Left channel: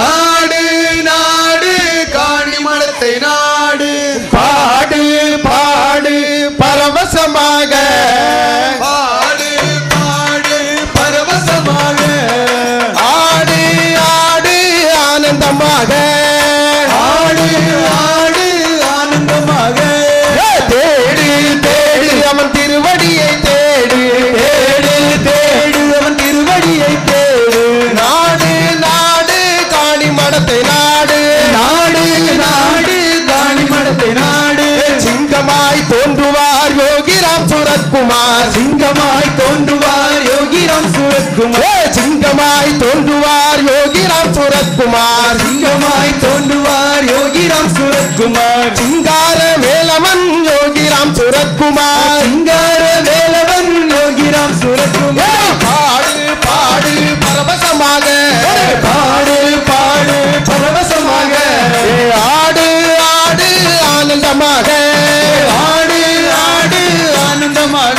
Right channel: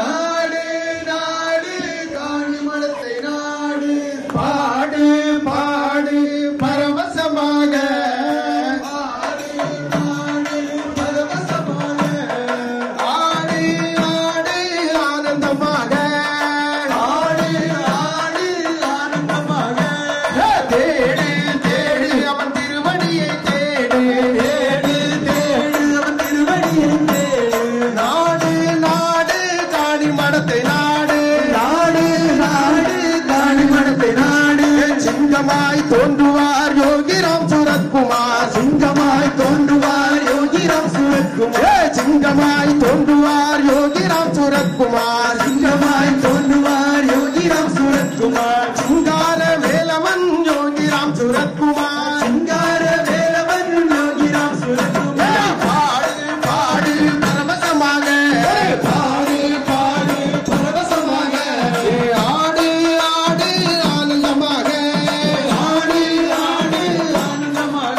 நாடு நாடு காணிமடத்தை நாடு பாடு பாடு பரவசமாக பாடு பாடு பரவசமாக ஆடு ஆடு ஆனந்தமாக ஆடு ஆடு ஆனந்தமாக தேடு தேடு அவன் திருவடியை தேடு தேடு தேடு அவன் திருவடியை தேடு நாடு நாடு காணிமடத்தை நாடு நாடு நாடு காணிமடத்தை நாடு சிங்கமாய் தோன்றுவார் யோகிராம் சுரத்குமார் சிங்கமாய் தோன்றுவார் யோகிராம் சுரத்குமார் சிங்கமாய் தோன்றுவார் யோகிராம் சுரத்குமார் சிங்கமாய் தோன்றுவார் யோகிராம் சுரத்குமார் சிங்கார வேலவன் யோகிராம் சுரத்குமார் சிங்கார வேலவன் யோகிராம் சுரத்குமார் பாடு பாடு பரவசமாக பாடு பாடு பரவசமாக ஆடு ஆடு ஆனந்தமாக ஆடு ஆடு ஆனந்தமாக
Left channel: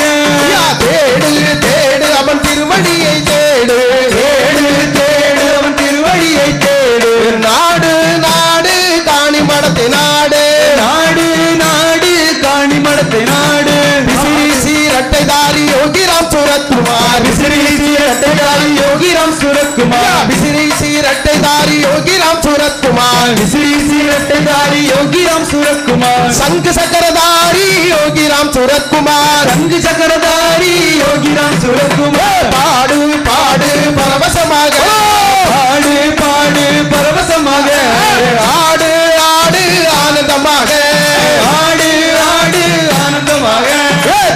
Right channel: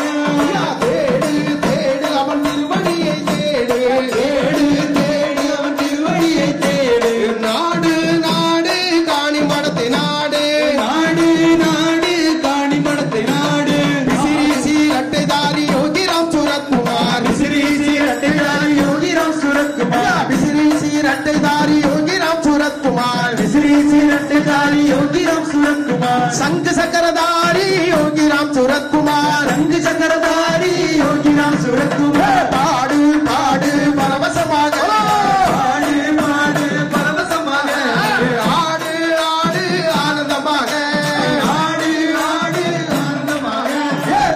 தேடு தேடு அவன் திருவடியை தேடு தேடு தேடு அவன் திருவடியை தேடு நாடு நாடு காணிமடத்தை நாடு நாடு நாடு காணிமடத்தை நாடு விசிறி சீரட்டைதாரி யோகிராம் சுரத்குமார் விசிறி சீரட்டைதாரி யோகிராம் சுரத்குமார் விசிறி சீரட்டைதாரி யோகிராம் சுரத்குமார் விசிறி சீரட்டைதாரி யோகிராம் சுரத்குமார் சங்கு சக்கரதாரி யோகிராம் சுரத்குமார் ரங்கு சக்கரதாரி யோகிராம் சுரத்குமார் பாடு பாடு பரவசமாக பாடு பாடு பரவசமாக ஆடு ஆடு ஆனந்தமாக ஆடு ஆடு ஆனந்தமாக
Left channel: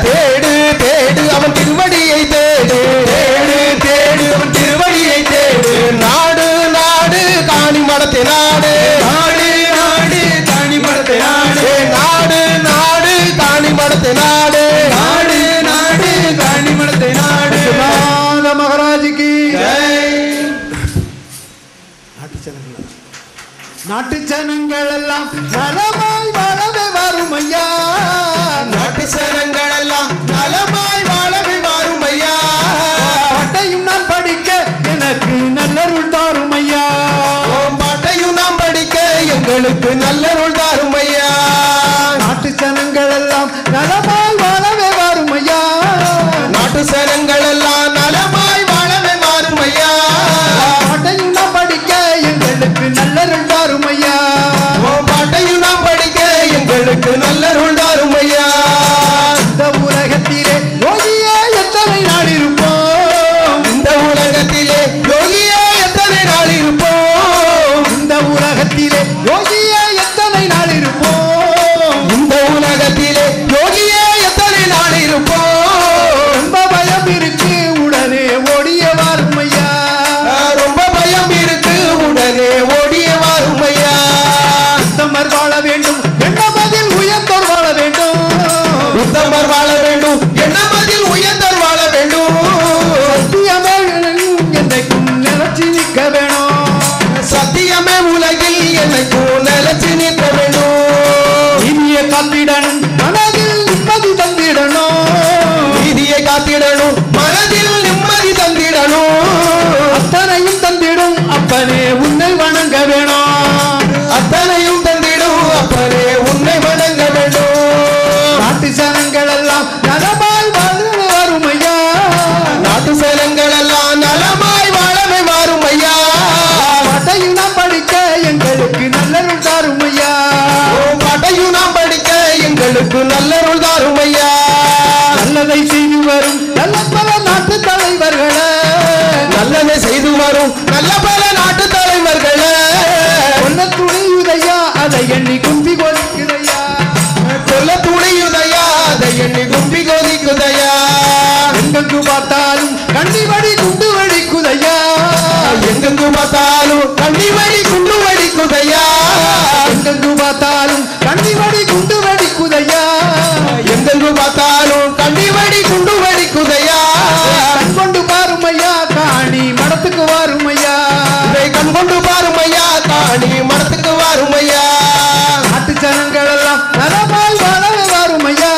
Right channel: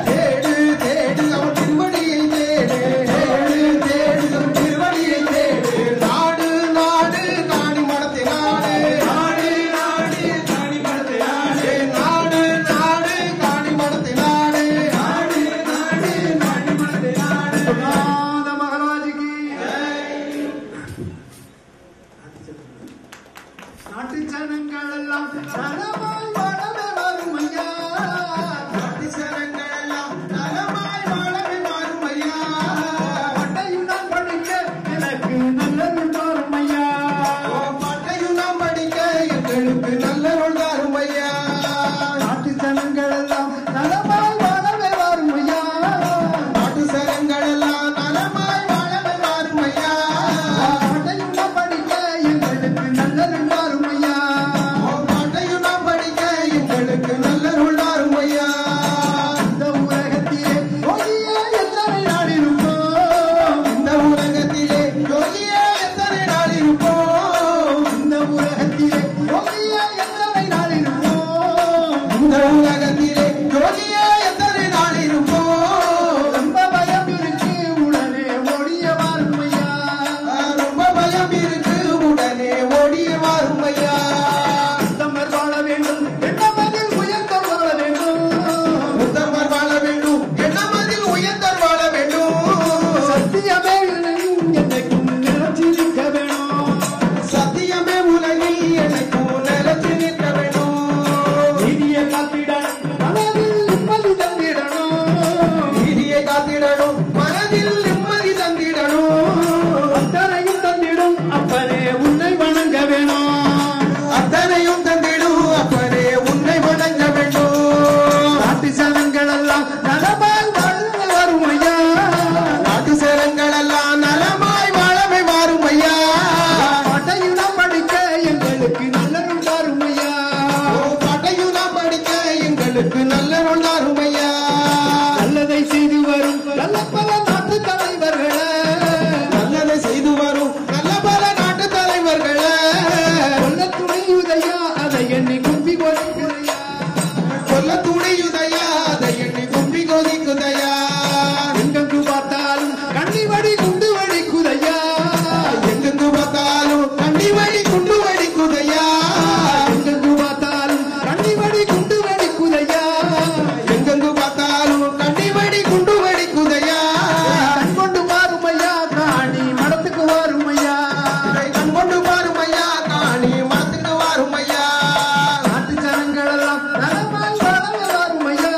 தேடு தேடு அவன் திருவடியை தேடு தேடு தேடு அவன் திருவடியை தேடு நாடு நாடு காணிமடத்தை நாடு நாடு நாடு காணிமடத்தை நாடு நாடு நாடு காணிமடத்தை நாடு நாடு நாடு காணிமடத்தை நாடு மகாராஜுக்கு நாட்டு ஜனங்கள் எல்லாம் நலமாய் வாழவே வரும் ஐயா நாட்டு சனங்கள் எல்லாம் நலமாய் வாழவே வாரும் ஐயா பாட்டையும் நான் படிக்க எனக்கு நல்லருள் தாரும் ஐயா பாட்டையும் நாம் படிக்க எங்களுக்கு நல்லருள் தாரும் ஐயா நாட்டு ஜனங்கள் எல்லாம் நலமாய் வாழவே வரும் ஐயா நாட்டு சனங்கள் எல்லாம் நலமாய் வாழவே வாரும் ஐயா பாட்டையும் நான் படிக்க எங்களுக்கு நல்லருள் தாரும் ஐயா பாட்டையும் நாம் படிக்க எங்களுக்கு நல்லருள் தாரும் ஐயா இந்த உலகத்திலே யோகியே எத்தனை நாள் இருப்போம் இந்த உலகத்திலே யோகியா எத்தனை நாள் இருப்போம் இந்த உலகத்திலே யோகியே எத்தனை நாள் இருப்போம் இந்த உலகத்திலே யோகியா எத்தனை நாள் இருப்போம் ரொம்ப பயம் இருக்கு உடனே ஓடிய வரும் ஐயா ரொம்ப பயம் இருக்கு உடனே ஓடிய வாரும் ஐயா உத்தமர் வாழ வேண்டும் என்ன பதில் உயர்ந்தோர் வாழ வேண்டும் உத்தமர் வாழ வேண்டும் என்ன பதில் உயர்ந்தர் வாழ வேண்டும் சத்தியமே என்றைக்கும் நினைச்சு நிற்க வேணும் சத்தியமே உலகில் என்னைக்கும் நிலைச்சு நிற்க வேண்டும் இனிய காத்திடணும் மனதில் நிம்மதி தந்திடணும் நீதியை காத்திடணும் மனதில் நிம்மதி தந்திடணும் அத்தனையும் தந்திடும் அப்பனே உன்னை வணங்க வேணும் அத்தனையும் தந்திடும் அப்பனே உன்னை வணங்க வேண்டும் நாட்டு ஜனங்கள் எல்லாம் நலமாய் வாழவே வரும் ஐயா நாட்டு சேலங்கள் எல்லாம் நலமாய் வாழவே மாறும் ஐயா பாட்டையும் நான் படிக்க எங்களுக்கு நல்லருள் தாரும் ஐயா பாட்டையும் நாம் படிக்க எங்களுக்கு நல்லருள் தாரும் ஐயா நல்லதை செய்து வரும் நல்ல பல நாட்டு தலைவர்களே நல்லதை செய்து வரும் நல்ல பல நாட்டு தலைவர்களே கொல்ல துணியுதையா அதை எண்ணி கும்பி கொடுக்கிறையா கொல்ல துணியுதையா அதை எண்ணி கும்பி கொதிக்குதையா எங்கெங்கு பார்த்தாலும் கண்டி வடி குண்டு வடிக்குதையா எங்கெங்கு பார்த்தாலும் கண்ணி வழி குண்டு வடிக்குதையா எங்கெங்கு பார்த்தாலும் கண்டி வடி குண்டு வடிக்குதையா எங்கெங்கு பார்த்தாலும் கண்ணி வழி குண்டு வடிக்குதையா கண் கொண்டு பாருமையா காணி மடத்துக்கு வாருமையா இதை கண் கொண்டு பாருமையா காணி மரத்துக்கு வாருமையா நாட்டு ஜனங்கள் எல்லாம் நலமாய் வாழவே வாருமையா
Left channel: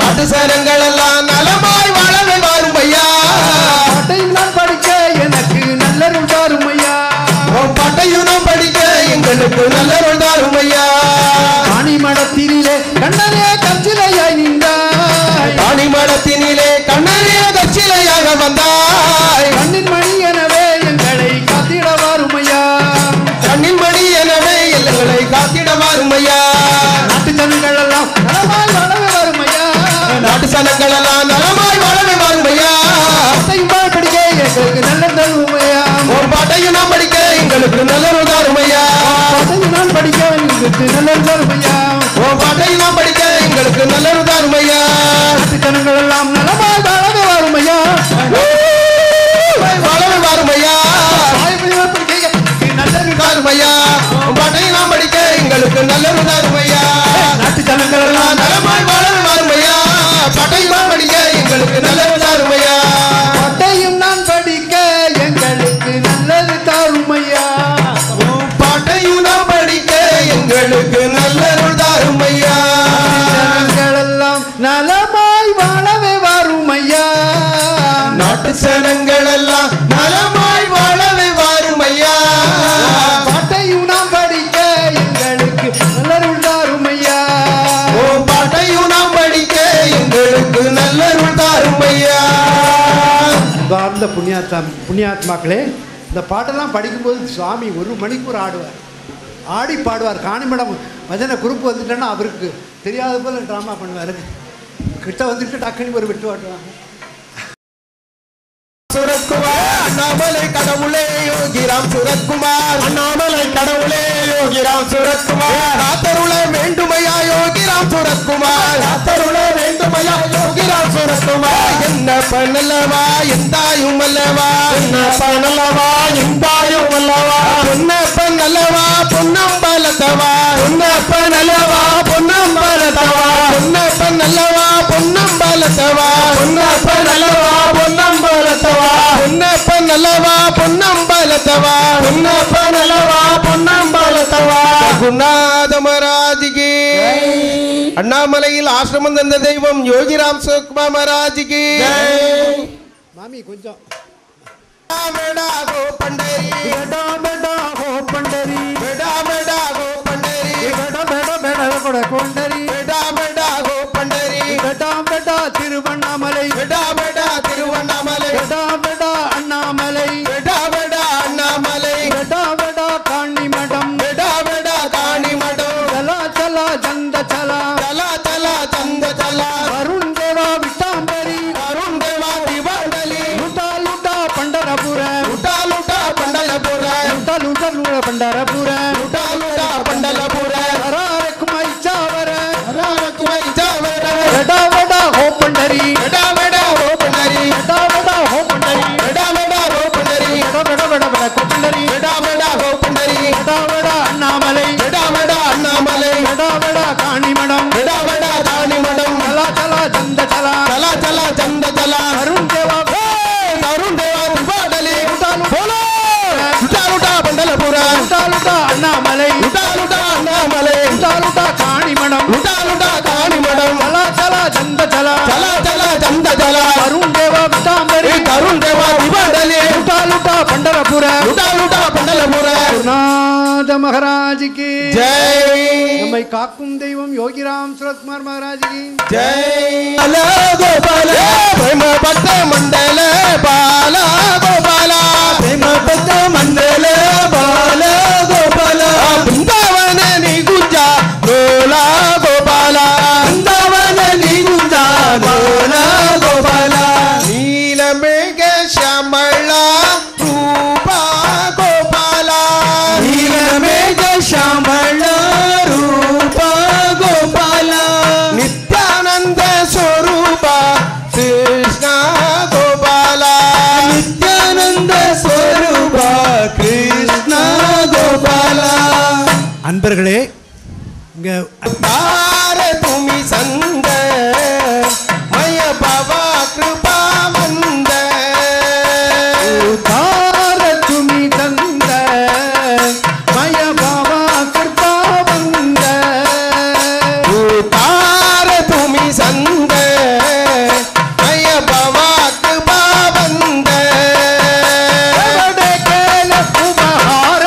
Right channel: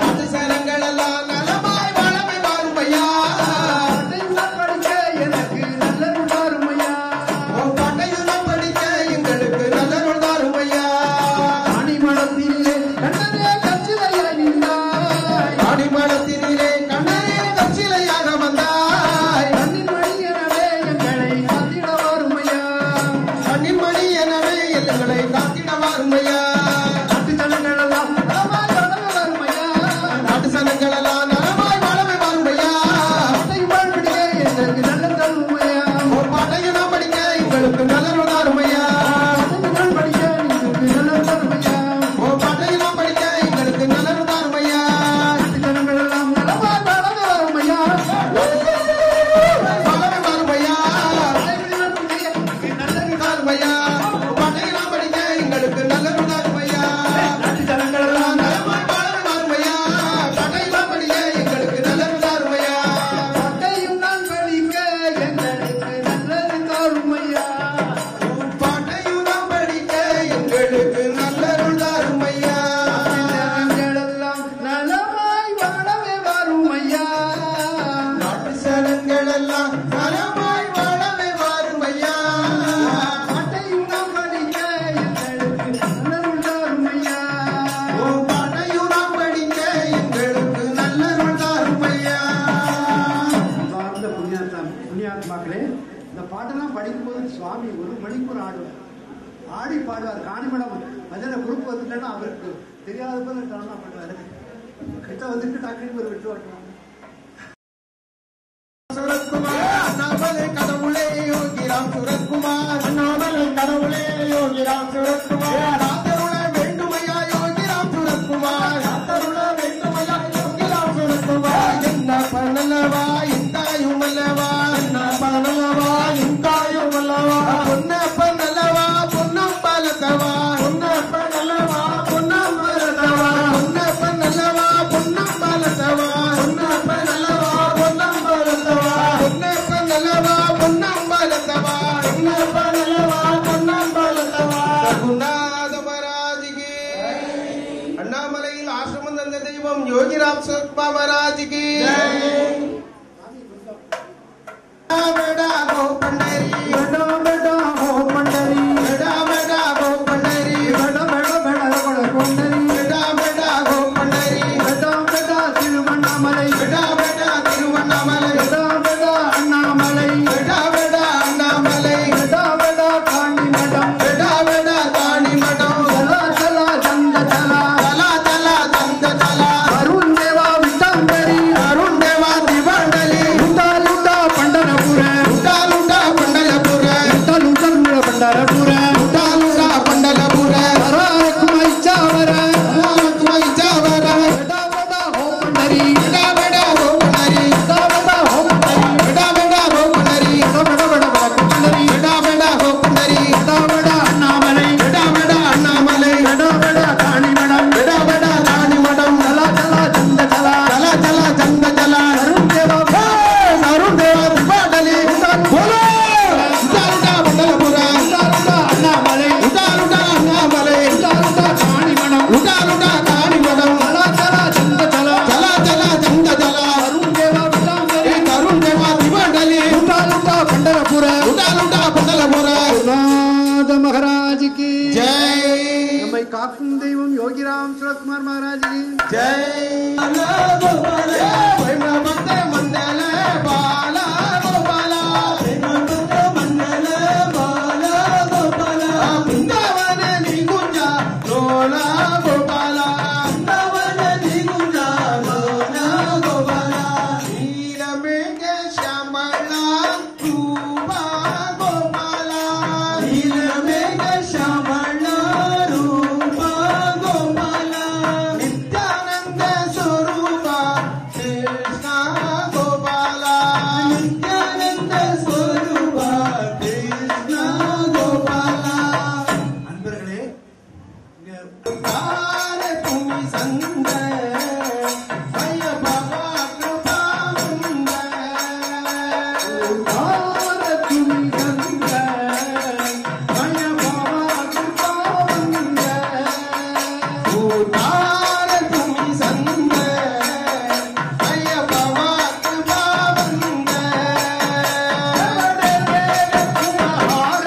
நாட்டு சேலங்கள் எல்லாம் நலமாய் வாழவே வாருமையா பாட்டையும் நான் படிக்க எனக்கு நல்லருள் தாருமையா பாட்டை பாட்டையும் நாம் படிக்க எங்களுக்கு நல்லருள் தாரும் ஐயா. ஆணிமடத்திலே கண்ணனே கச்சிலையாய் நின்றாய், ஆணிமடத்தினிலே கண்ணனே கச்சிலையாக வந்தாய். கண்ணின் மணி எனவே எங்களை காத்திட வாருமையா, கண்ணின் மணி எனவே எங்களை காத்திட வாருமையா. நாட்டு ஜனங்கள் எல்லாம் நலமாய் வாழவே வாருமையா, நாட்டு சனங்கள் எல்லாம் நலமாய் வாழவே வாருமையா. பாட்டையும் படிக்க எங்களுக்கு நல்ல தருமையா, ஒரு பாட்டையும் நாம் படிக்க எங்களுக்கு நல்லருள் தாருமையா. பாட்டையும் நான் படிக்க எங்களுக்கு நல்ல தருமையா, ஒரு பாட்டையும் நாம் படிக்க எங்களுக்கு நல்லருள் தாருமையா. நாட்டு ஜனங்கள் எல்லாம் நலமாய் வாழவே வாருமையா, வாழவே வாருமையா. தாய்மையார் படிக்க எங்களுக்கு நல்ல தாருமையா. ஒரு பாட்டையும் நாம் படிக்க எங்களுக்கு நல்லருள் தாருமையா. நாட்டு ஜனங்கள் எல்லாம் நலமாய் வாழவே வாருமையா. பாட்டையும் நாம் படிக்க எங்களுக்கு நல்லருள் தாருமையா. பாட்டையும் நான் படிக்க எங்களுக்கு நல்லது தாருமையா, பாட்டையும் நாம் படிக்க எங்களுக்கு நல்லருள் தாருமையா. ஜனங்களெல்லாம் நலமாய் வாழவே வாருமையா, நாட்டு சனங்கள் எல்லாம் நலமாய் வாழவே வாருமையா. பாட்டையும் நாம் படிக்க எங்களுக்கு நல்லருள் தாருமையா, பாட்டையும் நாம் படிக்க எங்களுக்கு நல்லருள் தாருமையா. அன்பார்ந்த புண்ணியாத்மாக்களே, இந்த பாட்டெல்லாம் படிக்கும்போது சுவாமி 1 மணிக்கூர் ஆடுவார், ஆடி பாடுவார். காணிமடம் பஜனை குரூப் வந்துட்டேன்னா அவருக்கு தெரியாத போல ட்ராமா பண்ணுவார். கிட்ட வந்துட்டு டக்குனு ஒரு விட்டு வாட்டுவாங்க. சுரத்குமார் அண்ணாமலை கடவுளே யோகிராம் சுரத்குமார், அண்ணாமலை கடவுளே யோகிராம் சுரத்குமார், காத்தருள வேண்டுமையா யோகிராம் சுரத்குமார், காத்தருள வேண்டுமையா யோகிராம் சுரத்குமார். என்ன பண்ணலவா எந்தாயும் அல்லவா, என்ன பண்ணலவா எந்தாயும் அல்லவா, பொன்னப்பன் அல்லவா பொன்னம்பலத்தவா, பொன்னப்பன் அல்லவா பொன்னம்பலத்தவா, பொன்னப்பன் அல்லவா பொன்னம்பலத்தவா, பொன்னப்பன் அல்லவா பொன்னம்பலத்தவா, பொன்னப்பன் அல்லவா பொன்னம்பலத்தவா, பொன்னப்பன் அல்லவா பொன்னம்பலத்தவா. குருநாத மகாராஜிக்கு அண்ணாமலையில் ஆசிரமம் தந்த தெய்வம் யோகிராம் சுரத்குமார் மகாராஜிக்கு. மாமி கொஞ்சம் बेटा गो पंडरी, बेटा बेटा गो पंडरी, बेटा बेटा गो पंडरी, बेटा बेटा बेटा गो पंडरी, बेटा बेटा गो पंडरी, बेटा बेटा तिरुवण्णामलै, बेटा बेटा तिरुवण्णामलै, बेटा बेटा अण्णामलै, बेटा बेटा अण्णामलै, बेटा बेटा काणिमठम, बेटा बेटा काणिमठम, चला चला चंद चला, चला चला चंद चला, अरुण देवा विटांडली, अरुण देवा दिवाडली, लुटा लुटा पंढरपूर, लुटा लुटा पंढरपूर, लुटा लुटा पंढरपूर, लुटा लुटा पंढरपूर, रखमाई चावर, रखमाई चावर, बेटा बेटा हो पंढरी, बेटा बेटा हो पंढरी, बेटा बेटा हो पंढरी, बेटा बेटा हो पंढरी, बेटा बेटा पंढरी, बेटा बेटा हो पंढरी, बेटा बेटा अण्णामलै, बेटा बेटा अण्णामलै, बेटा बेटा काणिमठम, बेटा बेटा काणिमठम, चला चला चंद चला, चला चला चंद चला, अरुण देवा अरुण देवा दिवाडली, लुटा लुटा पंढरपूर, लुटा लुटा अण्णामलै, लुटा लुटा अण्णामलै, लुटा लुटा काणिमठम, लुटा लुटा काणिमठम, चला चला चंद चला, चला चला चंद चला, अरुण देवा विटांबरी, अरुण देवा दिवाडली, लुटा लुटा पंढरपूर, लुटा लुटा पंढरपूर. गुरुनाथ महाराज की जय, நம்மை காக்கும் தெய்வம் யோகிராம் சுரத்குமார் மகாராஜ் की जय गोपाल प्रेम भक्त मंडल बाल गोपाल, प्रेम भक्त मंडल बाल गोपाल, बृंदावन निगुजा रोला गोपाल, बृंदावन निगुजा रोला गोपाल, नील मेघ श्यामळ रूपा गोपाल, नील मेघ श्यामळ रूपा गोपाल, नित्यानंद स्वरूप कृष्ण गोपाल, नित्यानंद स्वरूप कृष्ण गोपाल. அன்பர்களே இங்க तारे तुम्ही संद मय बाबा कृपा मंद, தார துமி தந்த மய பாவா கிருபா வந்த, तारे तुम्ही संद मय बाबा कृपा मंद, அவடே கேல குமார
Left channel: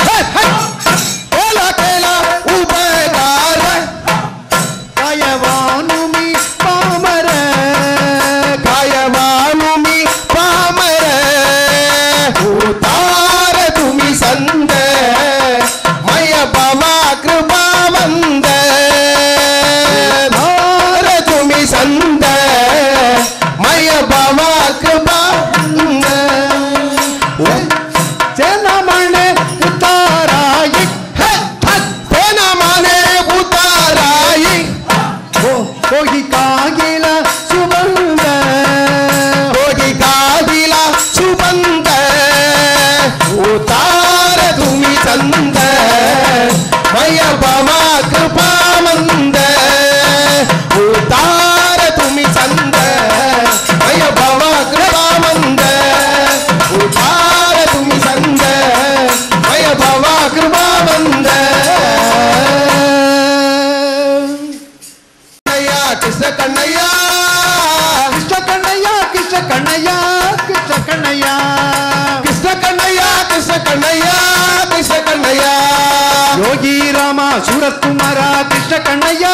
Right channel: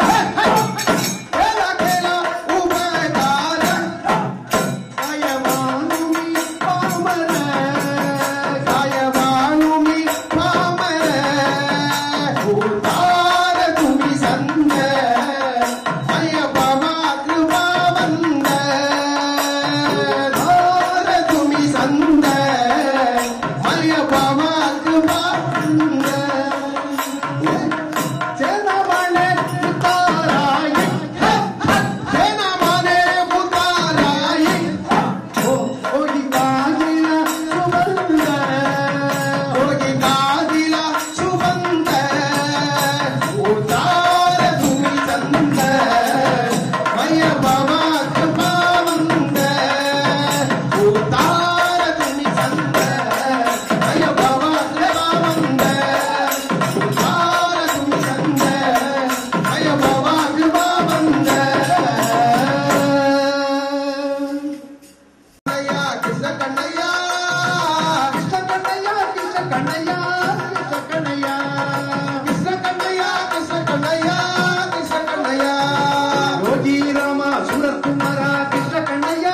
सूरत कुमारा कृष्ण कन्हैया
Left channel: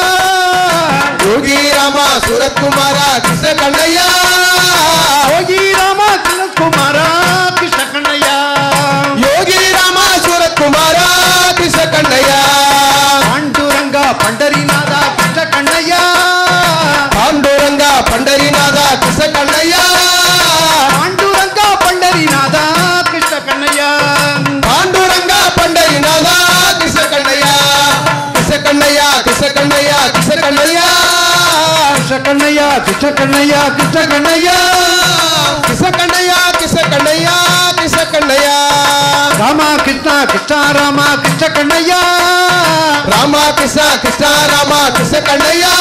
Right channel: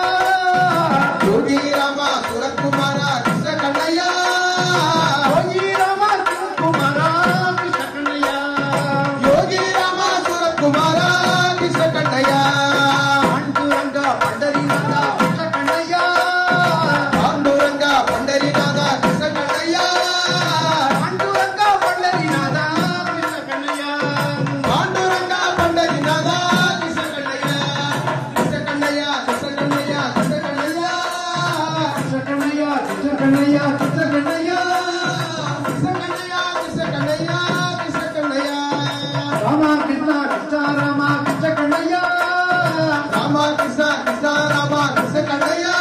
योगी रामा सूरत कुमारा कृष्ण कन्हैया योगी रामा सूरत कुमारा कृष्ण कन्हैया योगी रामा सूरत कुमारा कृष्ण कन्हैया पांडुरंगा पंडरीनाथ कृष्ण कन्हैया पांडुरंगा पंडरीनाथ कृष्ण कन्हैया पांडुरंगा पंडरीनाथ कृष्ण कन्हैया पांडुरंगा पंडरीनाथ कृष्ण कन्हैया कृष्ण कन्हैया कृष्ण कन्हैया कृष्ण कन्हैया कृष्ण कन्हैया कृष्ण कन्हैया कृष्ण कन्हैया कृष्ण कन्हैया कृष्ण कन्हैया कृष्ण कन्हैया रामा कृष्ण कृष्ण रामा कृष्ण कन्हैया रामा कृष्ण कृष्ण रामा कृष्ण कन्हैया